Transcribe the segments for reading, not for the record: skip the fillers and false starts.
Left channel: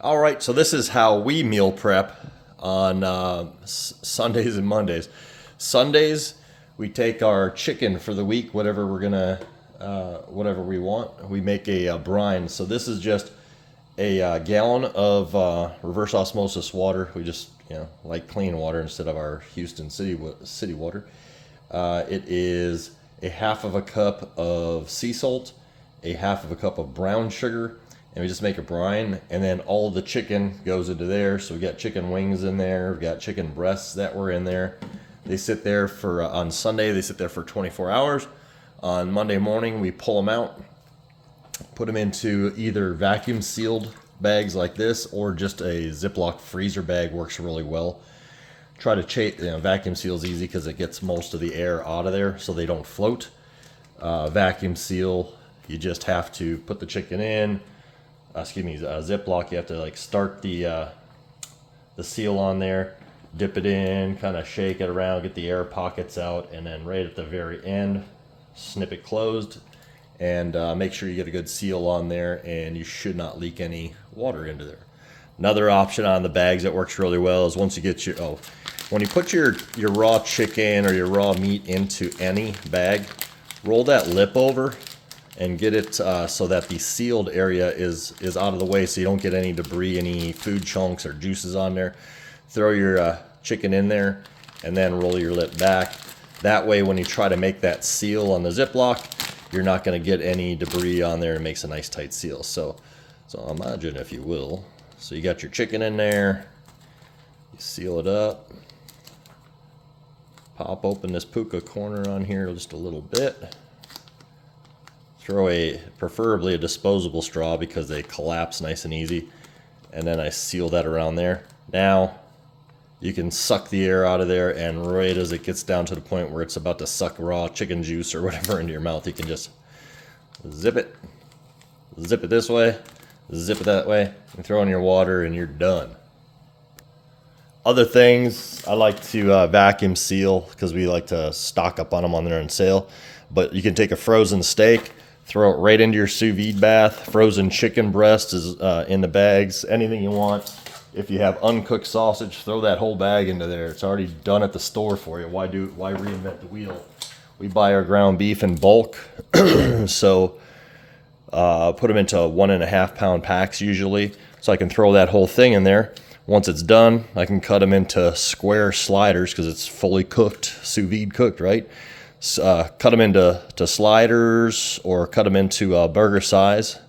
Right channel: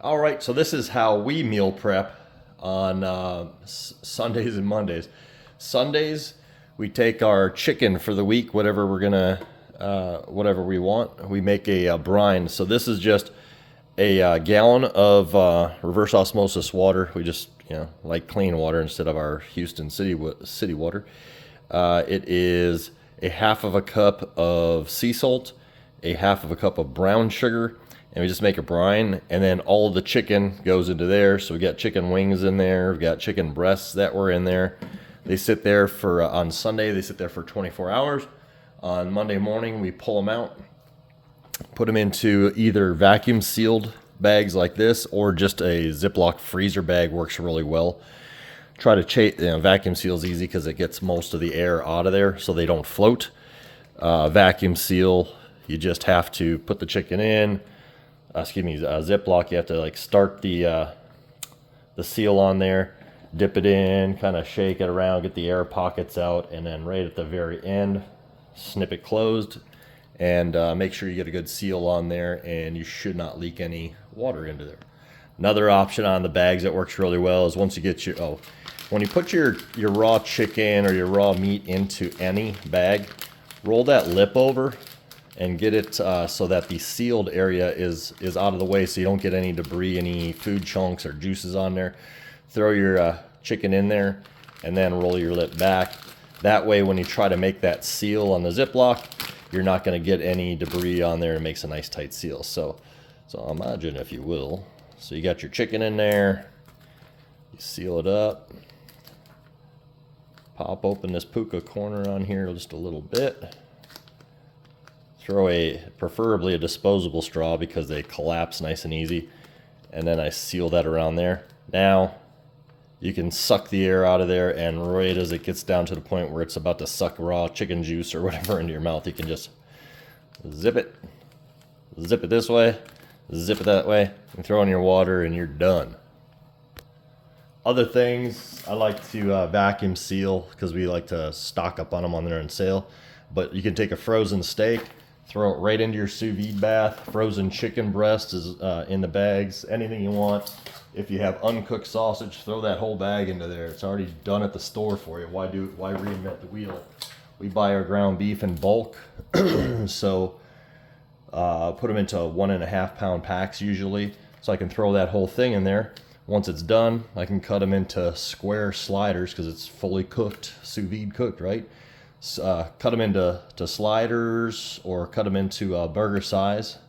All right, so this is how we meal prep on Sundays and Mondays. Sundays, we take our chicken for the week, whatever we're gonna, whatever we want. We make a brine. So this is just a gallon of reverse osmosis water. We just, like clean water instead of our Houston city water. It is a half of a cup of sea salt, a half of a cup of brown sugar, and we just make a brine. And then all the chicken goes into there. So we got chicken wings in there, we got chicken breasts that were in there. They sit there for on Sunday. They sit there for 24 hours. On Monday morning, we pull them out, put them into either vacuum sealed bags like this or just a Ziploc freezer bag. Works really well. Try to vacuum seal is easy because it gets most of the air out of there so they don't float. Vacuum seal, you just have to put the chicken in. Ziploc. You have to like start the seal on there, dip it in, kind of shake it around, get the air pockets out, and then right at the very end, snip it closed, and make sure you get a good seal on there, and you should not leak any water into there. Another option on the bags that works really well is once you get when you put your raw chicken or your raw meat into any bag, roll that lip over and get it so that the sealed area is out of the way so you don't get any debris, any food chunks or juices on there. Throw your chicken in there and then roll your lip back. That way when you try to make that seal on the Ziploc, you're not going to get any debris on there. It makes a nice tight seal. So imagine, if you will. So you got your chicken in there, you seal it up, pop open this puka corner on here just a little bit. Throw preferably a disposable straw because they collapse nice and easy. And then I seal that around there. Now you can suck the air out of there, and right as it gets down to the point where it's about to suck raw chicken juice or whatever into your mouth, you can just zip it this way, zip it that way, and throw in your water, and you're done. Other things, I like to vacuum seal because we like to stock up on them on there on sale. But you can take a frozen steak, throw it right into your sous vide bath. Frozen chicken breast is in the bags. Anything you want. If you have uncooked sausage, throw that whole bag into there. It's already done at the store for you. Why reinvent the wheel? We buy our ground beef in bulk, so put them into 1.5 pound packs usually. So I can throw that whole thing in there. Once it's done, I can cut them into square sliders because it's fully cooked, sous vide cooked, right? Cut them into sliders or cut them into burger size,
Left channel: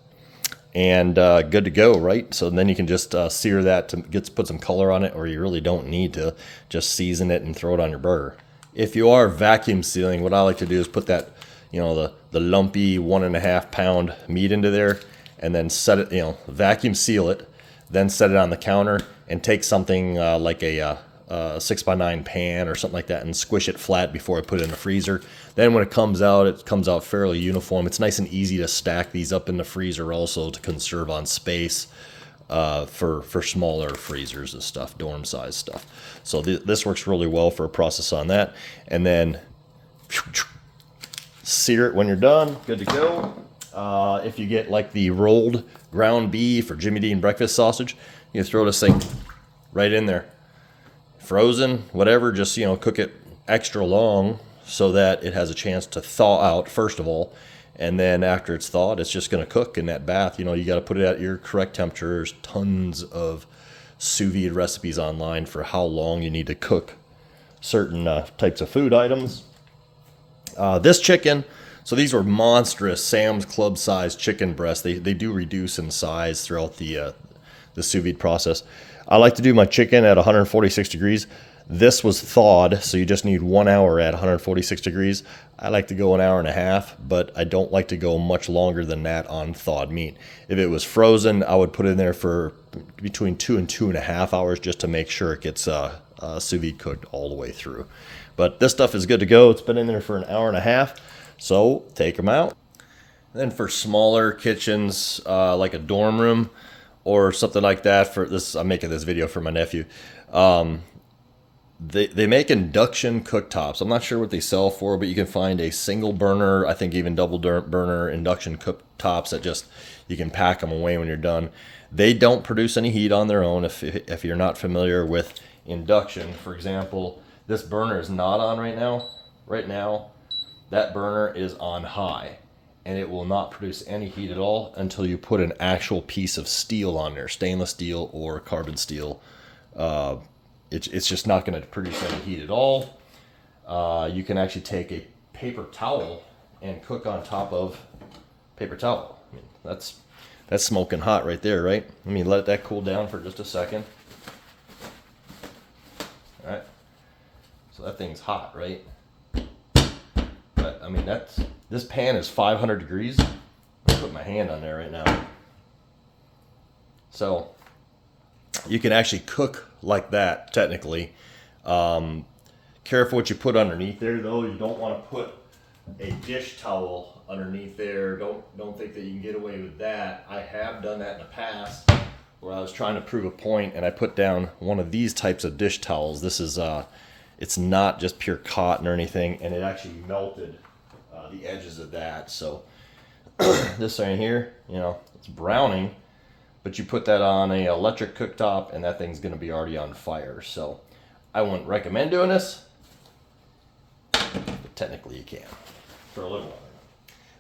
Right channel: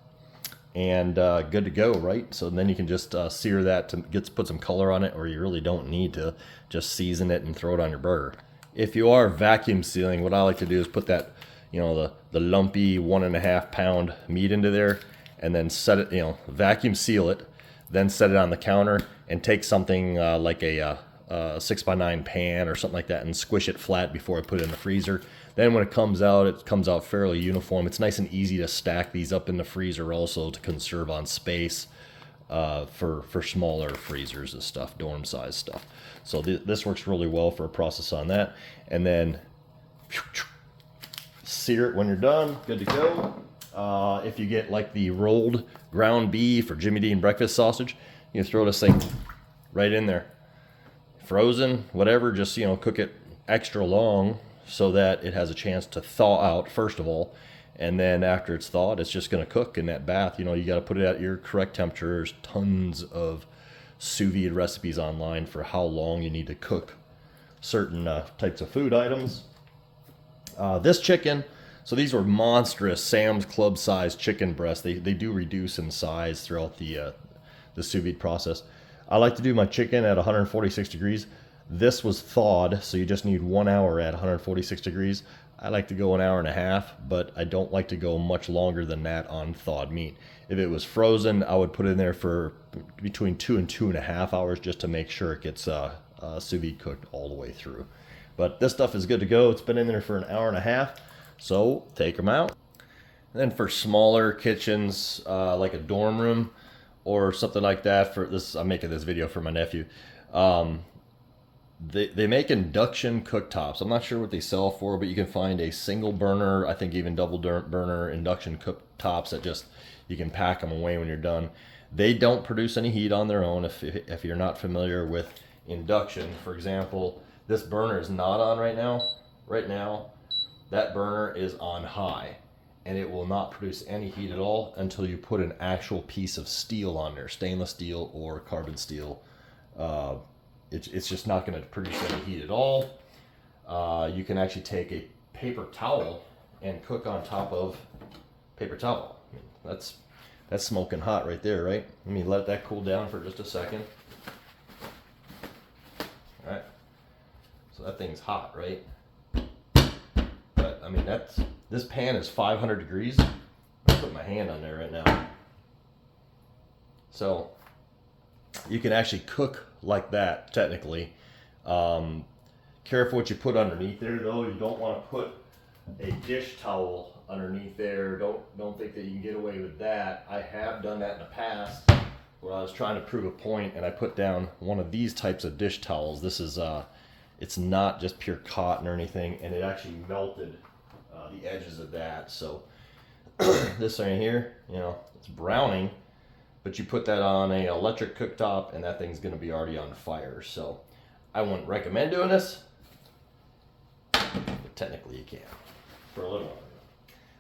and good to go, right? So then you can just sear that to put some color on it, or you really don't need to. Just season it and throw it on your burger. If you are vacuum sealing, what I like to do is put that, the lumpy 1.5 pound meat into there, and then set it, vacuum seal it, then set it on the counter, and take something like a 6x9 pan or something like that and squish it flat before I put it in the freezer. Then when it comes out fairly uniform. It's nice and easy to stack these up in the freezer also to conserve on space for smaller freezers and stuff, dorm size stuff. So this works really well for a process on that. And then sear it when you're done, good to go. If you get like the rolled ground beef or Jimmy Dean breakfast sausage, you throw this thing right in there. Frozen, whatever, just cook it extra long so that it has a chance to thaw out first of all, and then after it's thawed, it's just going to cook in that bath. You got to put it at your correct temperature. There's tons of sous vide recipes online for how long you need to cook certain types of food items. This chicken, so these are monstrous Sam's Club size chicken breasts. They do reduce in size throughout the sous vide process. I like to do my chicken at 146 degrees. This was thawed, so you just need 1 hour at 146 degrees. I like to go 1.5 hours, but I don't like to go much longer than that on thawed meat. If it was frozen, I would put it in there for between 2 and 2.5 hours just to make sure it gets sous vide cooked all the way through. But this stuff is good to go. It's been in there for 1.5 hours, so take them out. And then for smaller kitchens, like a dorm room or something like that, for this, I'm making this video for my nephew. They make induction cooktops. I'm not sure what they sell for, but you can find a single burner, I think even double burner induction cooktops that just You can pack them away when you're done. They don't produce any heat on their own if you're not familiar with induction. For example, this burner is not on right now. Right now, that burner is on high, and it will not produce any heat at all until you put an actual piece of steel on there, stainless steel or carbon steel. It's just not going to produce any heat at all. You can actually take a paper towel and cook on top of paper towel. I mean, that's smoking hot right there, right? Let me let that cool down for just a second. All right. So that thing's hot, right? But I mean, this pan is 500 degrees. I'll put my hand on there right now. So you can actually cook like that, technically. Careful what you put underneath there, though. You don't want to put a dish towel underneath there. Don't think that you can get away with that. I have done that in the past where I was trying to prove a point, and I put down one of these types of dish towels. This is it's not just pure cotton or anything, and it actually melted the edges of that. So this right here, you know, it's browning, but you put that on a electric cooktop and that thing's going to be already on fire. So I wouldn't recommend doing this, but technically you can for a little while.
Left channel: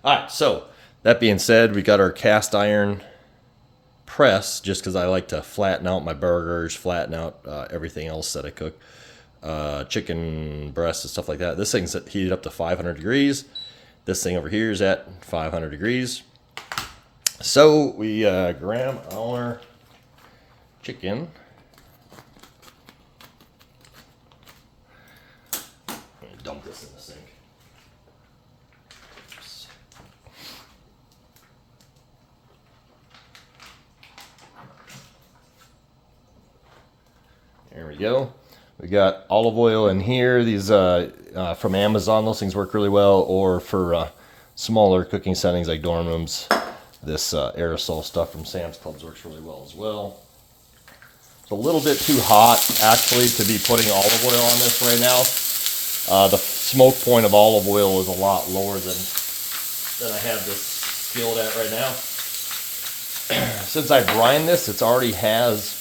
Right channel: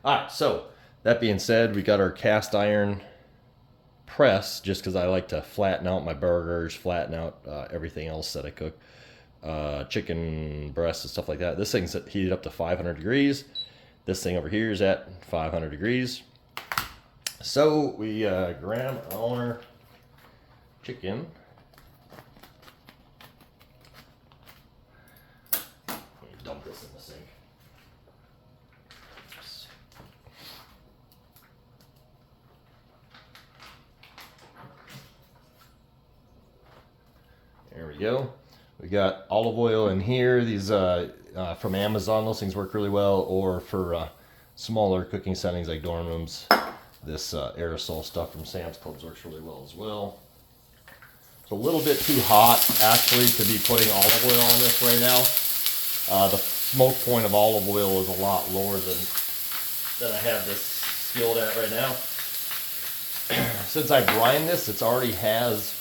All right, so that being said, we got our cast iron press, just because I like to flatten out my burgers, flatten out everything else that I cook, chicken breasts and stuff like that. This thing's heated up to 500 degrees. This thing over here is at 500 degrees. So we grab our chicken. Dump this in the sink. There we go. We got olive oil in here. These from Amazon, those things work really well, or for smaller cooking settings like dorm rooms. This aerosol stuff from Sam's Club works really well as well. It's a little bit too hot, actually, to be putting olive oil on this right now. The smoke point of olive oil is a lot lower than I have this skilled at right now. Since I brine this, it already has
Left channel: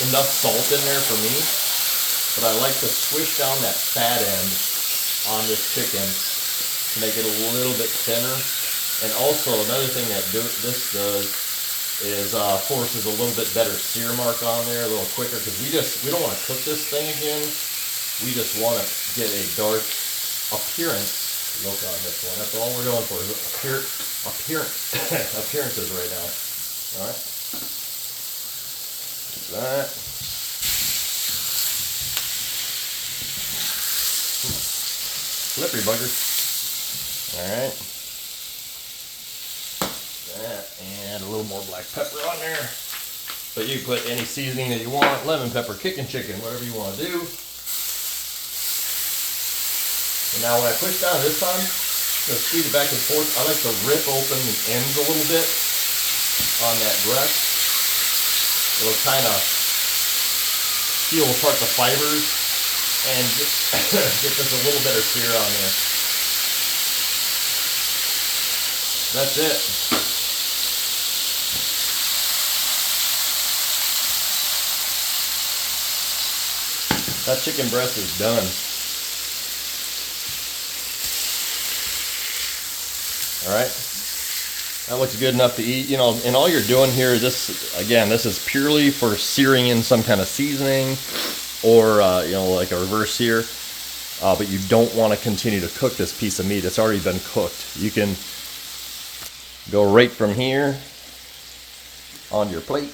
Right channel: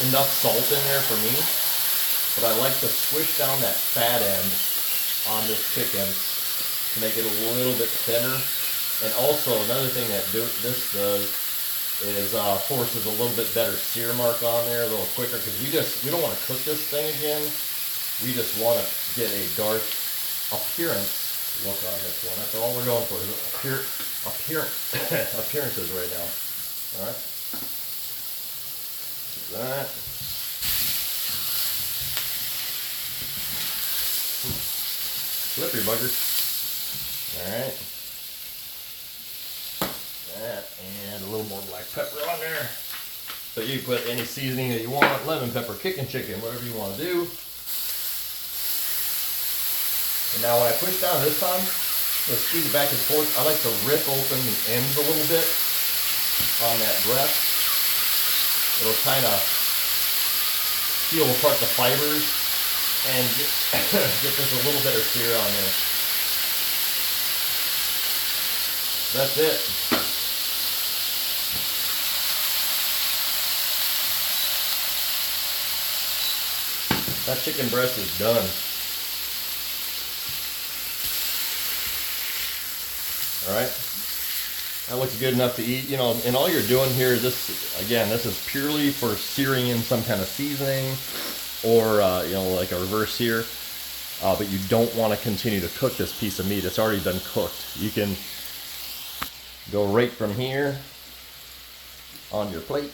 enough salt in there for me, but I like to swish down that fat end on this chicken to make it a little bit thinner. And also another thing that this does is forces a little bit better sear mark on there a little quicker, because we don't want to cook this thing again. We just want to get a dark appearance look on this one. That's all we're going for, is appearances right now. All right. That. Slippery bugger. Alright. That, and a little more black pepper on there. But you can put any seasoning that you want, lemon pepper, kicking chicken, whatever you want to do. And now when I push down this time, I'm going to squeeze it back and forth. I like to rip open the ends a little bit on that breast. It'll kind of peel apart the fibers and get just a little better sear on there. That's it. That chicken breast is done. All right. That looks good enough to eat, you know, and all you're doing here, this is purely for searing in some kind of seasoning or, you know, like a reverse sear. But you don't want to continue to cook this piece of meat. It's already been cooked. You can go right from here on your plate.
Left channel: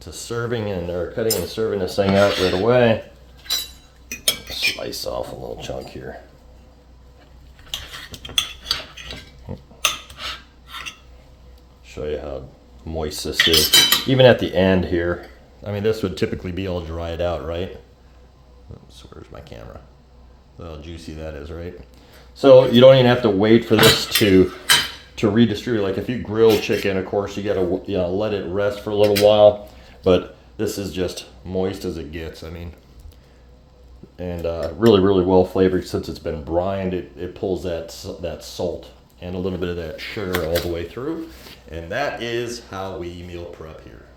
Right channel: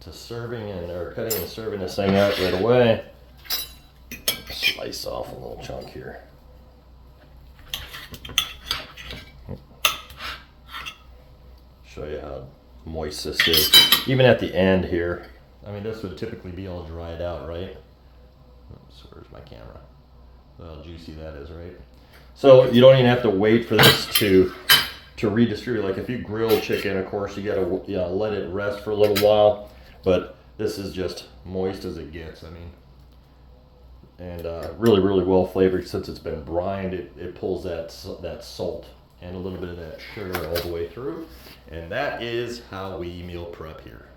To serving or cutting and serving this thing out right away. Slice off a little chunk here. Show you how moist this is. Even at the end here, I mean, this would typically be all dried out, right? Oops, where's my camera? How juicy that is, right? So you don't even have to wait for this to redistribute. Like if you grill chicken, of course, you gotta let it rest for a little while. But This is just moist as it gets. I mean, and really, really well flavored since it's been brined. It pulls that salt and a little bit of that sugar all the way through. And that is how we meal prep here.